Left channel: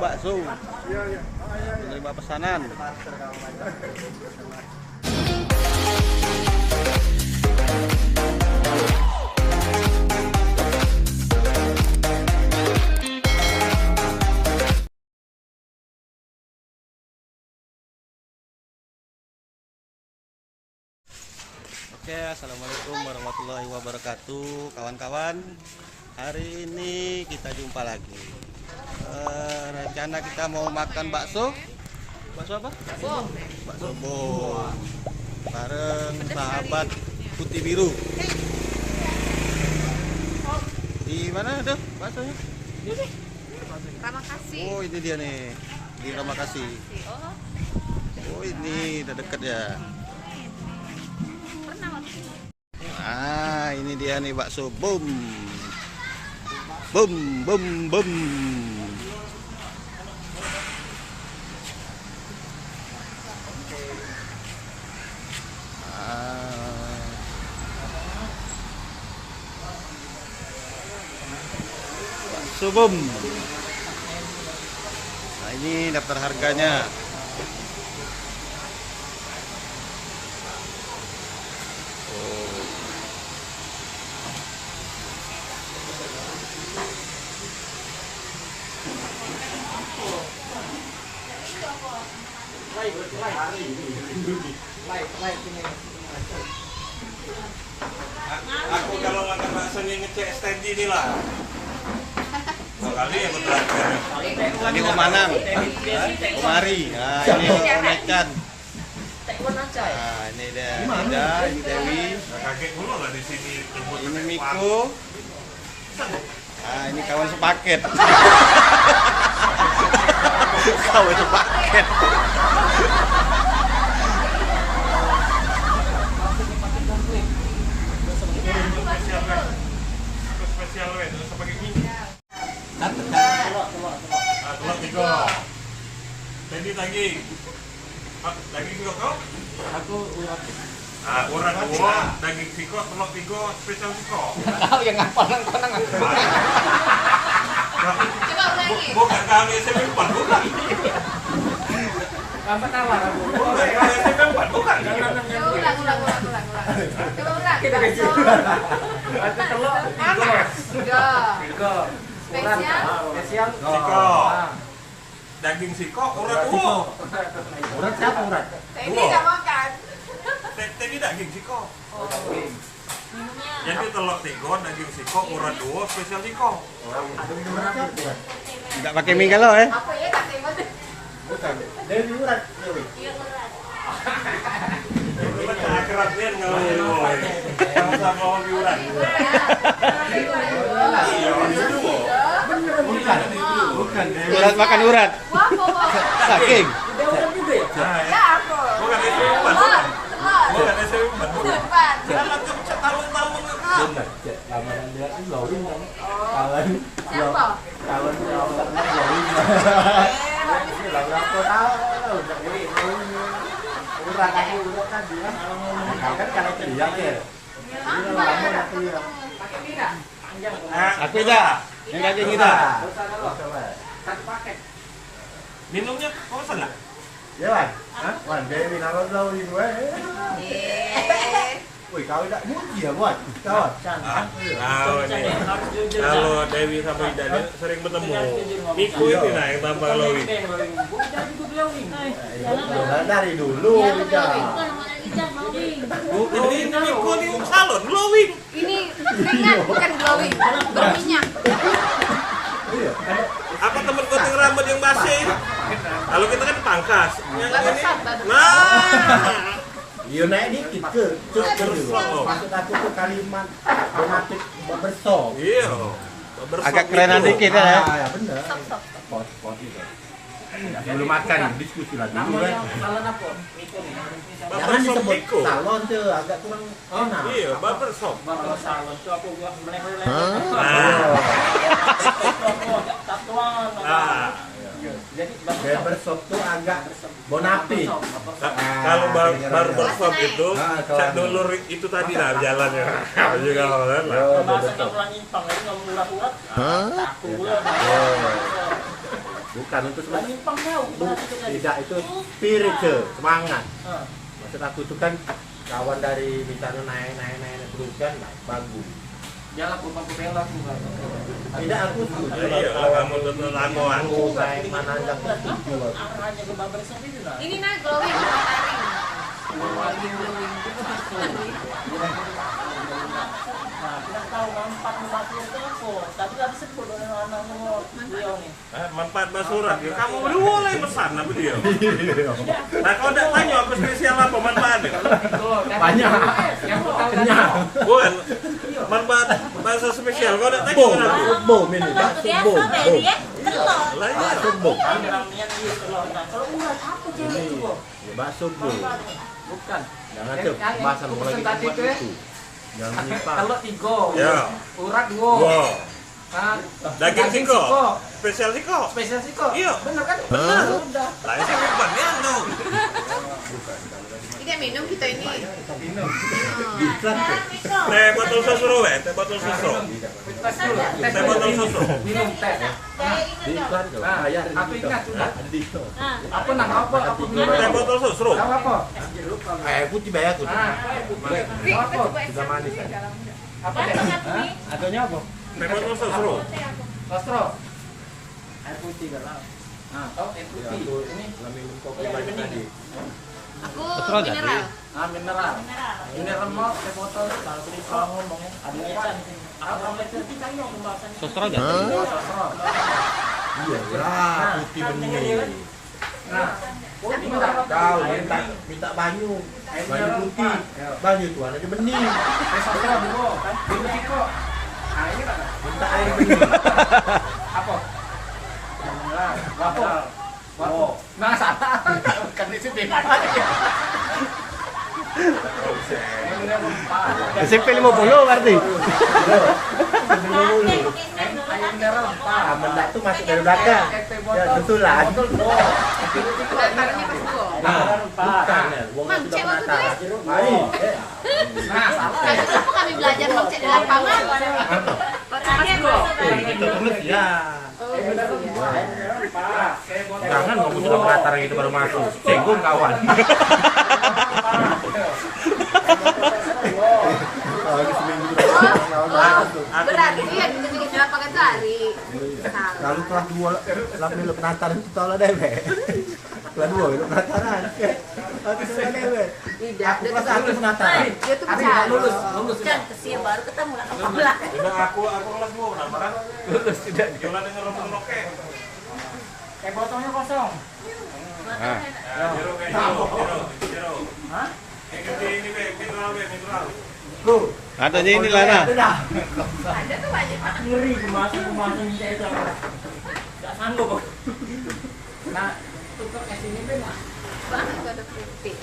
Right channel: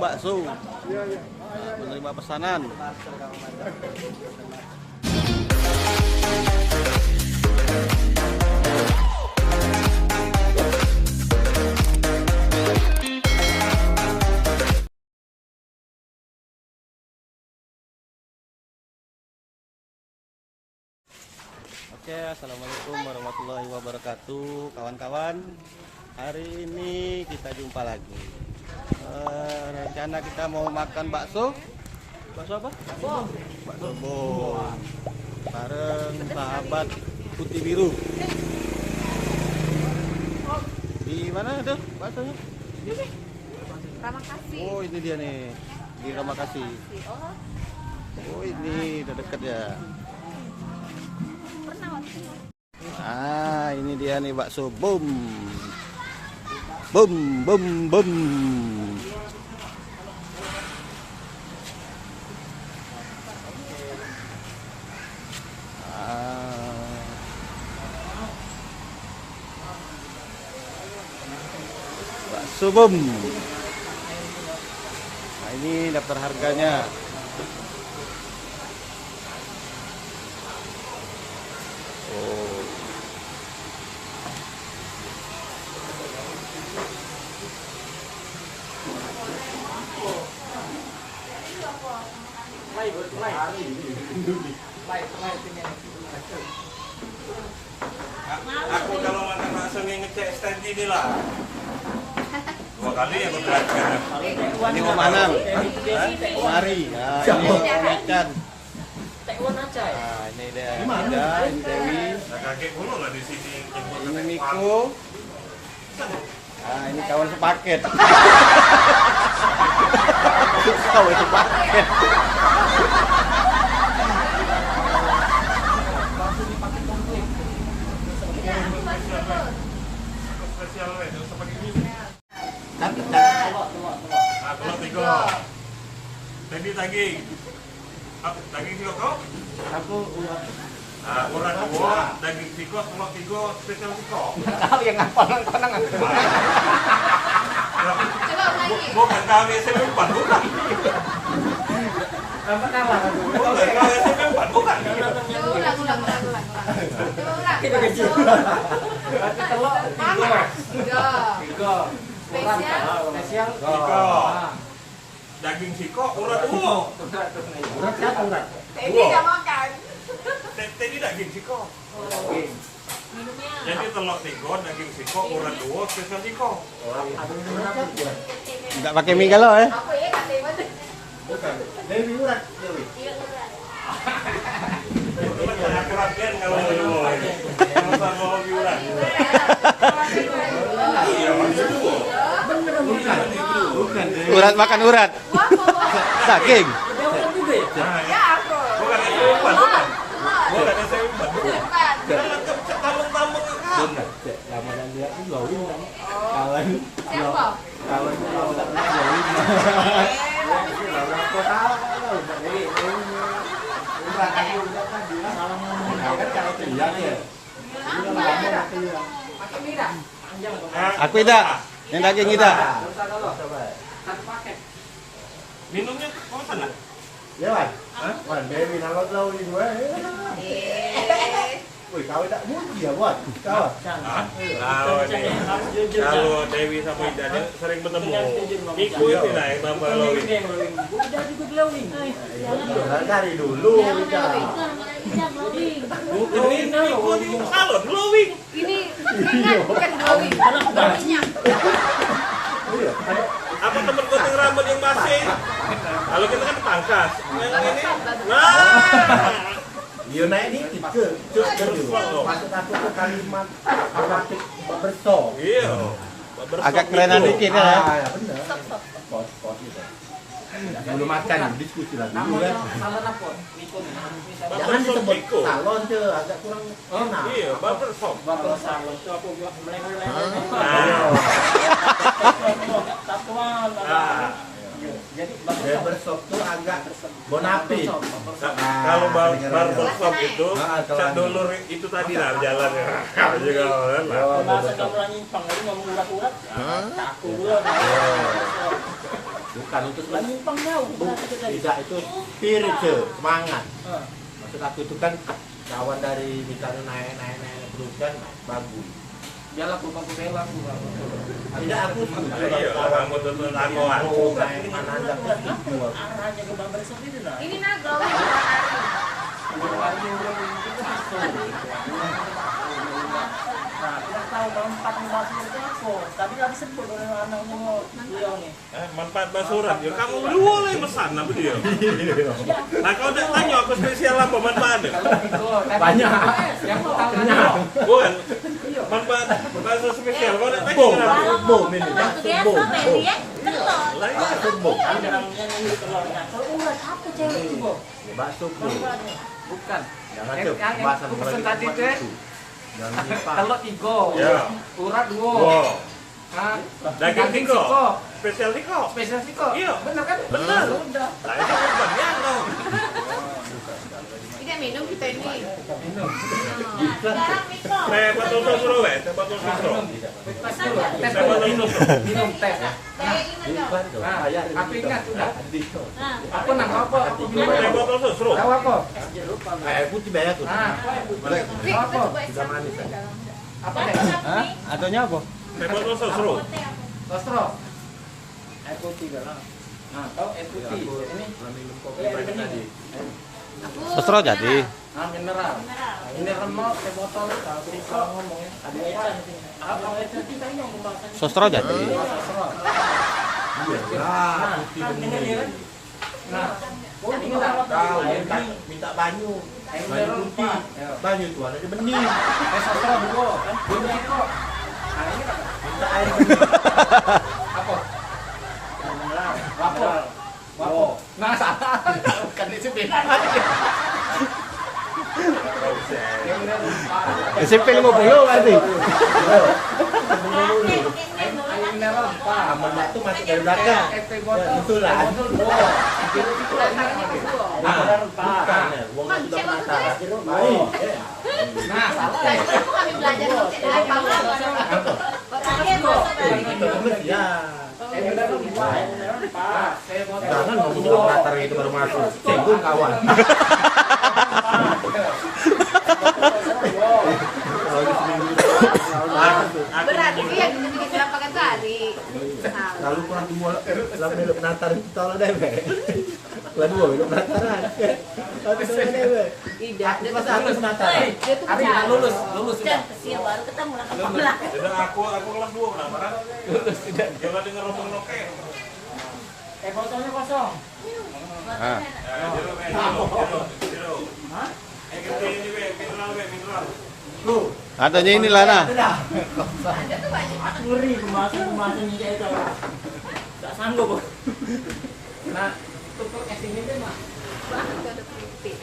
bakso. Menerima pesanan. Oke, assalamualaikum warahmatullahi wabarakatuh, kawan-kawan. Hari ini kita jumpa lagi. Rencana kita mau makan bakso. Bakso apa? Bakso bom. Bareng sahabat putih biru. Di mana tuh baksonya? Ramakasih. Oh, ini dia nih. Di Ramakasih. Oh, ini udah dekat ya. Ah, ini dia nih bakso bom. Bom, bom, bom. Bakso bom. Nah, ini daftar harganya. Aku kalau makan bakso ini ngecek stand ini lah. 2 kali yang terakhir. Ini Om Anang, Om Ari, nah ini Om Ecan. Nah ini dia, Ida, ini Dewi, Kakek mulu nggak di sini. ini Miko. Nah ini kawan sepaket. Kawan sepaket. Spesial ya, terus pakai gini. Telur 3. Tadi daging. Daging juga kau? Aku urat. Urat 2, daging siko, telur 3, spesial siko. Tahu yang ngapal nang aku. Coba lagi. Bukan kali SMP 4, bukan. Apa kalah aku? Bukan kali SMP 4, bukan. Ulang. Coba ulang. Bakso. Tapi telur panas. 3. Spesial. Spesial. Siko. Daging siko, urat 2. Urat siapa urat? Tadi nggak makan. Tadi daging siko. Jadi telur 3, daging siko, urat 2, spesial siko. Ada minuman apa dia? Tidak pakai mie kalau ya? Apa ya kata ibu? Bukan. Dewi urat. Dewi. Iya urat. Akrab kan kalau sama lagi urat. Iya, Bukan. Bukan. Dewi. Urat makan urat, daging. Ya aku. Bukan SMP 4, bukan. Telur. Bukan SMP 4, bukan. Depan. Tampung-tampung Benar. Cek Ramadan dia tuh glowing kan. Kawan. Siapa? Kawan Ramadan glowing. Habis ini Aku tahu. Jadi urat aja urat tadi. Kan kalau lihat ya. Ini lama nanti ya. pakai mira. Aku tidak, yang daging tidak. Satu paket. Minumnya kau sana? Ya, wah, Dewi nama glowing gue. Wih, kau tak muji ya buat kawan. Kalau Dewi sama Ida sering bertemu. Miko itu nah yang tambah glowing. Dari dulu kita. Miko ini salon glowing. Ini bukan glowing, bukan minyak. Iya, Apa temen gunting rambut yang masih? Kalau kita kan pangkas. Yang ini, wah. iya naik dikit cuk dulu. Maksud aku ke kalimat berarti bersok. Iya. Agak kerenan dikit ya. Ya benar. Pos itu. Sebelum makan diskusi lagi dulu kan. Jangan disebut Miko. salon tuh agak kurang enak. Iya, barbershop. Kalau salon tuh aku gua meleleh. Jadi barbershop tuh agak bonafit. Kalau barbershop itu, cak dulur itu tadi lah jalannya. Juga kan lah. Masa kamu lagi nyimpang lagi ngomong urat-urat? Aku gue. Bukan untuk Menyimpang jauh. tidak itu spirit semangat. Maksud aku itu kan kawan dari misalnya naik terus kan bagus. Dia lakukan pembela tuh. Tidak aku Kamu tuntun lamongan. naik mana aja. Arahnya ke Babel sendiri lah. Ini nah glowing warna Nah, kita tahu manfaat membaca itu apa. Tapi nggak disebut oleh anak semua beliau nih. Manfaat basuran. Ya kamu berdua lah yang pesan apa dia? Nah kalau udah tanya aku spesial apa manfaatnya? Banyak. Yang tahu Bukan. Manfaat bakso spesial. Kalau udah tanya apa? Bom ini. Bom. Lah iya. Bom. namanya ini telurnya. Kalau urat apa cewek itu, Bo? Ya bakso bom. Bukan. Jangan tuh bahasa mulai tadi itu. itu Jangan lupa. telur 3. Ya. Urat 2. Wow. Daging siko. siko. Spesial siko. Spesial siko. Iya. Benar kan? Udah. Lah itu bukan yang dong. Ini minum kita ini. Teh botol susu weh, teh botol susu. Teh botol susu. Minum teh. Nah, aku ingat sudah. Apa nama apa? Aku minum. Teh botol susu. Tahu apa? Air putih banyak tuh. Nah, Apa? Juga manis. apa deh? Adanya apa? Teh botol susu. Kostro. Air putih galau. Nah, tahu air putih. Ini Minum kopi yang bening. Sosro jadi. Ah, mineral. Mineral mau ke botol kalau tadi kalau ngomong ada ecan di sini. Apa ecan kita ini mau pembahasan. Sosro jadi. Ah, putih bening. Nah, oh ini Tahu minta banyu. Banyu putih. Banyu itu warnanya bening. sosro dulu kan. Ini kok. Ah, ini kan Minta air bening. apa? Mineral. Wapo. Wapo. Nah, salah. Kan di sini. SMP 50 berarti. Air mineral 4. Mendak tuh masuk dari belakang. Ya, betulan. Botol 2. Bukan ya, uangnya sudah penasaran. Baik. Nah, salah. Kami belajar ngecek dari kawan. Itu tulis ya. Mineral 2. Jangan ngomong sudah penasaran itu baru masuk. Singgung kawan. Berarti yang kita juga di lapangan sehari. Lalu kelas 2 lalu lu penasaran itu tolong deh, Be. Kelas 2 lu penasaran. Tapi tolong deh, Be. Tidak, Aku kelas 1 penasaran. dia tuh Tapi bisa. lulus Kan kecil baru ketemu lah kepala. Udah aku kelas 2 kan. Lulus tidak. Jangan denger ngomong oke. Botolnya kosong. Nah, Hah? Ini mineral. Tuh. katanya ini lah nah. Ada tuh banyak. Aku ngeri pembahasan ini saya itu. Enggak sanggup. Bo. Nah, tukar casingnya benar. Itu ada keripik.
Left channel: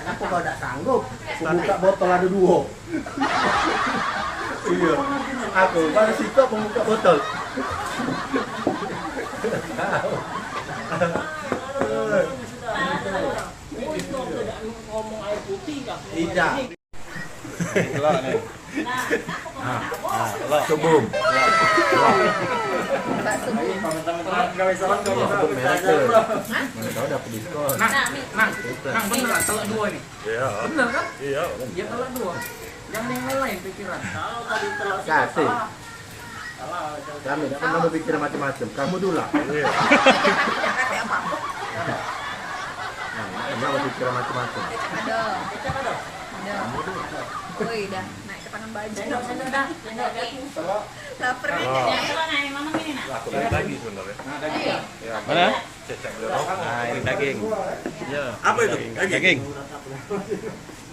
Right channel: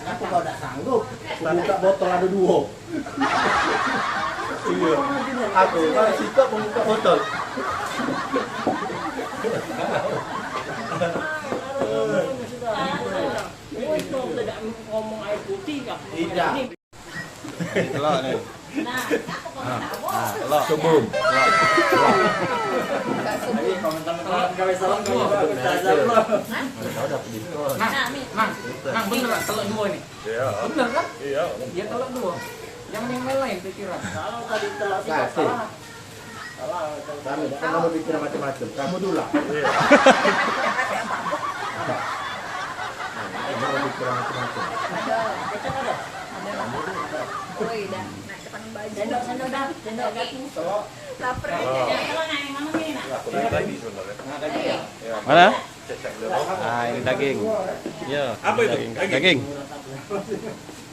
Kenapa kau tidak sanggup? Aku buka botol ada 2. Iya. Aku kalau situ membuka botol. Oh, itu tidak ngomong air putih enggak. Tidak. Telok nih. Nah, telok. Sebum. Nang, bener telur 2 ini. Iya. Bener kan? Iya. Dia telur 2. Jangan yang lain pikiran. Kalau tadi telur sih Kasih. salah. Salah. Kami tidak pernah berpikir macam-macam. Kamu dulu lah. Kamu berpikir macam-macam. Wih, dah naik depan baju. Sendok dah. Sendok telur. Lapar nih. Lagi sebenarnya. Mana? Nah, ini daging. Iya. Apa itu? Daging.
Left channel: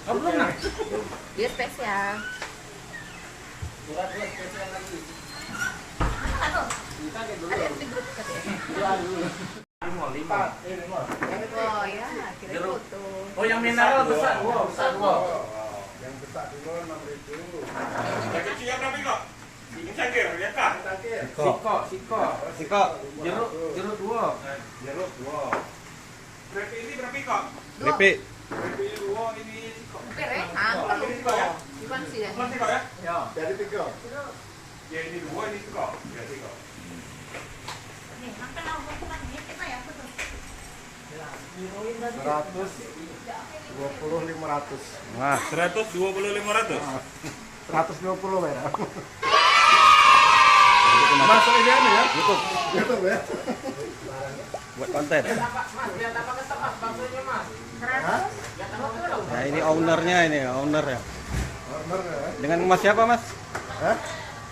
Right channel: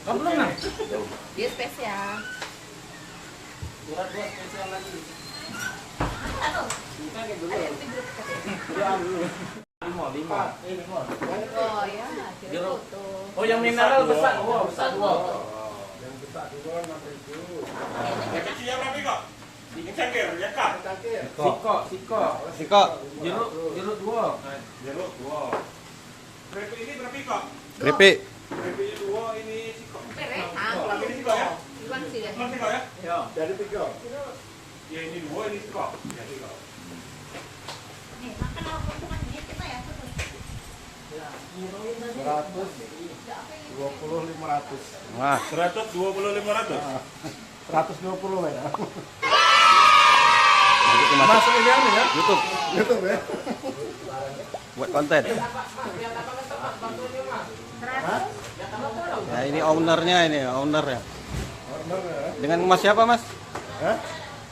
Kamu belum nang? Dia spesial. Ada di grup katanya. Lima. Oh ya, kira foto. Oh, yang mineral besar. Wow, besar. Yang kecil yang berapa kok? Ini cangkir, ya kak? Siko. Siko. Jeruk 2. Jeruk 2. Berapa ini berapa kok? Keripik. Berapa 2 ini kok? Perehang. Ini kok ya? Bukan sih dah. Bukan kok ya? Ya. Dari 3. Ya ini 2 ini kok. Ya kok. Seratus 20.500. Nah, 120.500. 120 ya. itu masuk Masuk ini anu ya. YouTube YouTube ya. buat konten. Hah? Nah, ini ownernya ini, owner ya. Order ya. Dengan Mas siapa, Mas? Hah?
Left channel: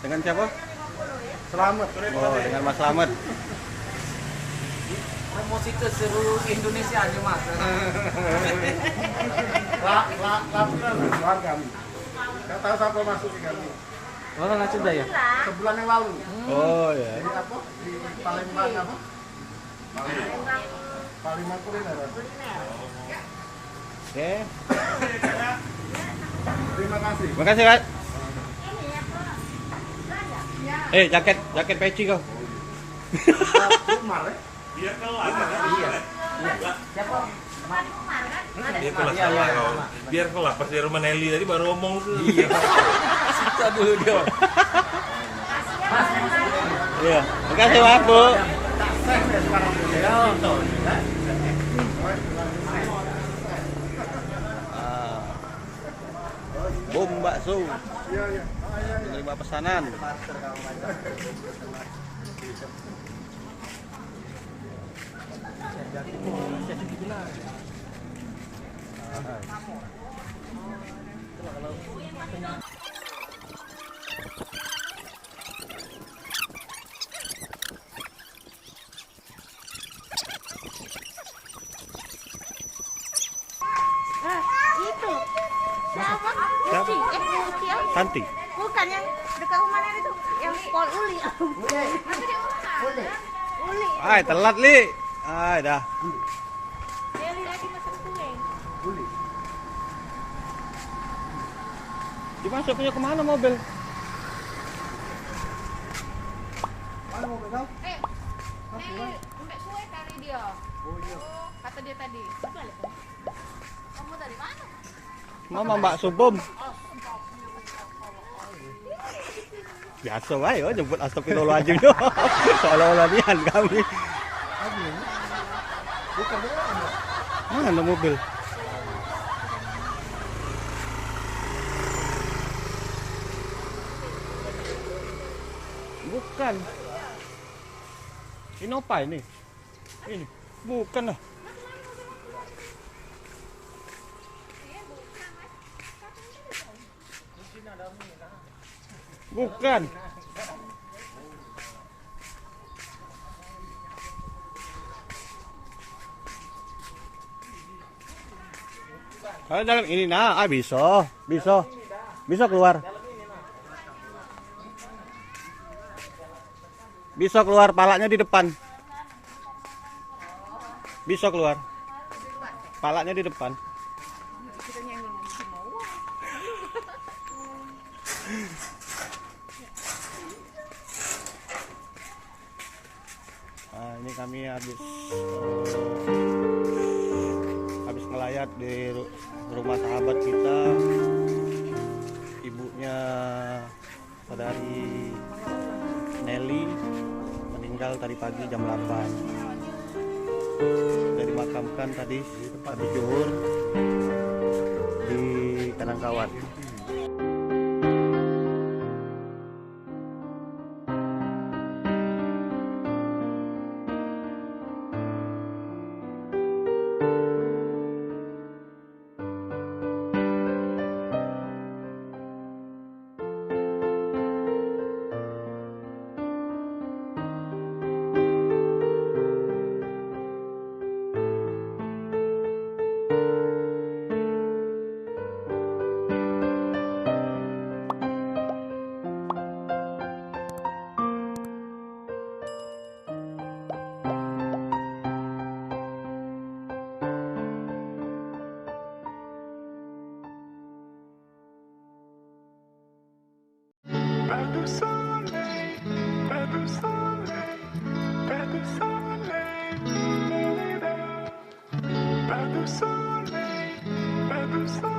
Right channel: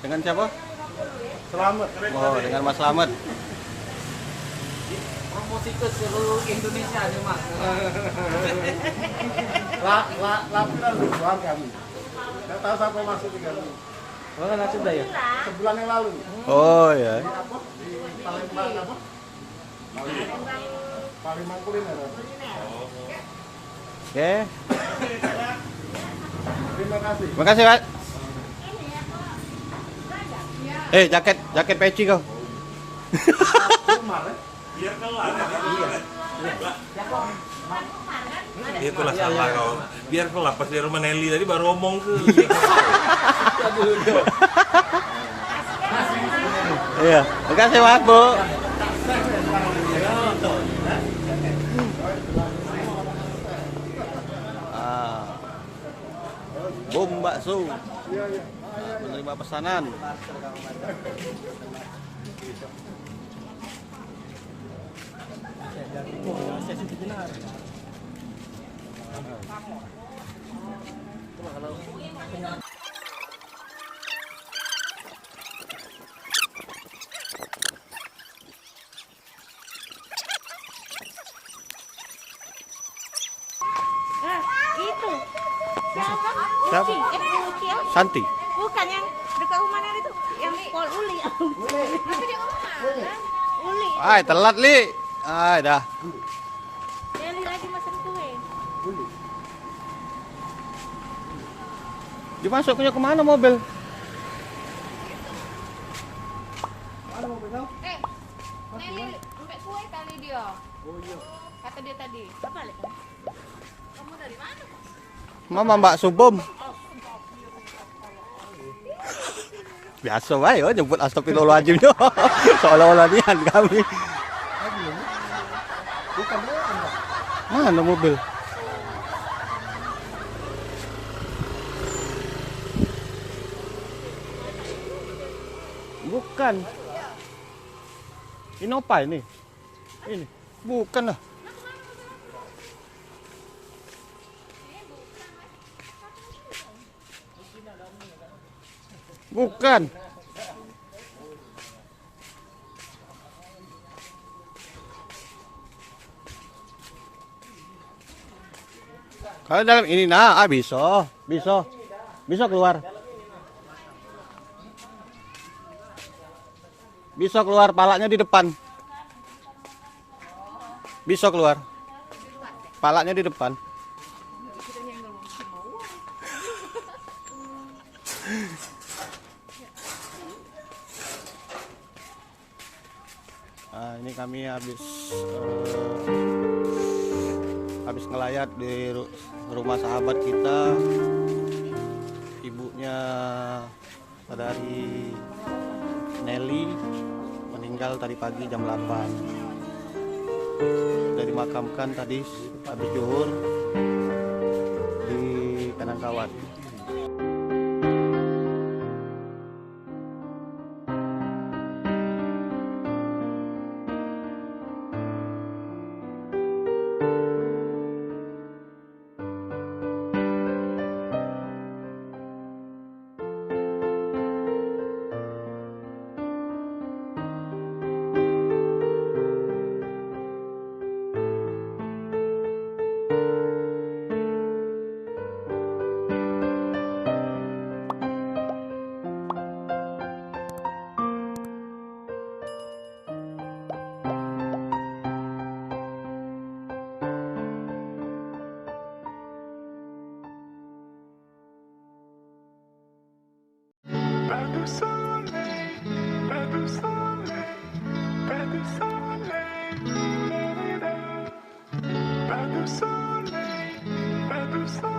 Dengan siapa? Selamat. Oh, dengan Mas Slamet. Promosi ke seluruh Indonesia nih mas. Laporan keluar kami. Nggak tahu sampai masuk ke kami. Lo kan sudah ya? Sebulan yang lalu. Oh ya. Di apa? Di Palembang apa? Palembang kuliner. Oke. Terima kasih. Makasih, Pak. Jaket peci kau. Umar ya. Biar kelas. Iya. Biar kelas. Biar kelas pas di rumah Nelly tadi baru ngomong tuh. Iya. Makasih, Pak, Bu. Bom bakso. Iya, iya. Menerima pesanan. Itu siapa? Siapa? Uci. Santi. Bukan yang dekat rumah Nenek itu, yang Pol Uli. Uli. Ay, telat, Li. Ay, dah. Nelly lagi masak kue. Dimasuknya kemana mobil? Mana mau pegang? Nelly, sampai kue tadi dia. Oh iya. Kata dia tadi. Balik. Kamu dari mana? Mama Mbak Subom. Biasa wae yo nyebut astagfirullahaladzim yo. Seolah-olah nian kami. Mana mobil? Bukan. Ini apa ini? Ini bukan lah. Bukan. Kalau dalam ini bisa keluar. Bisa keluar, palanya di depan. Bisa keluar. Palanya di depan. Nah, ini kami habis ngelayat di rumah sahabat kita, ibunya saudari Nelly, meninggal tadi pagi jam 8. Sudah dimakamkan tadi habis zuhur di Kanangkawat. Pas de soleil, pas de soleil, pas de soleil, pas de soleil, pas de soleil.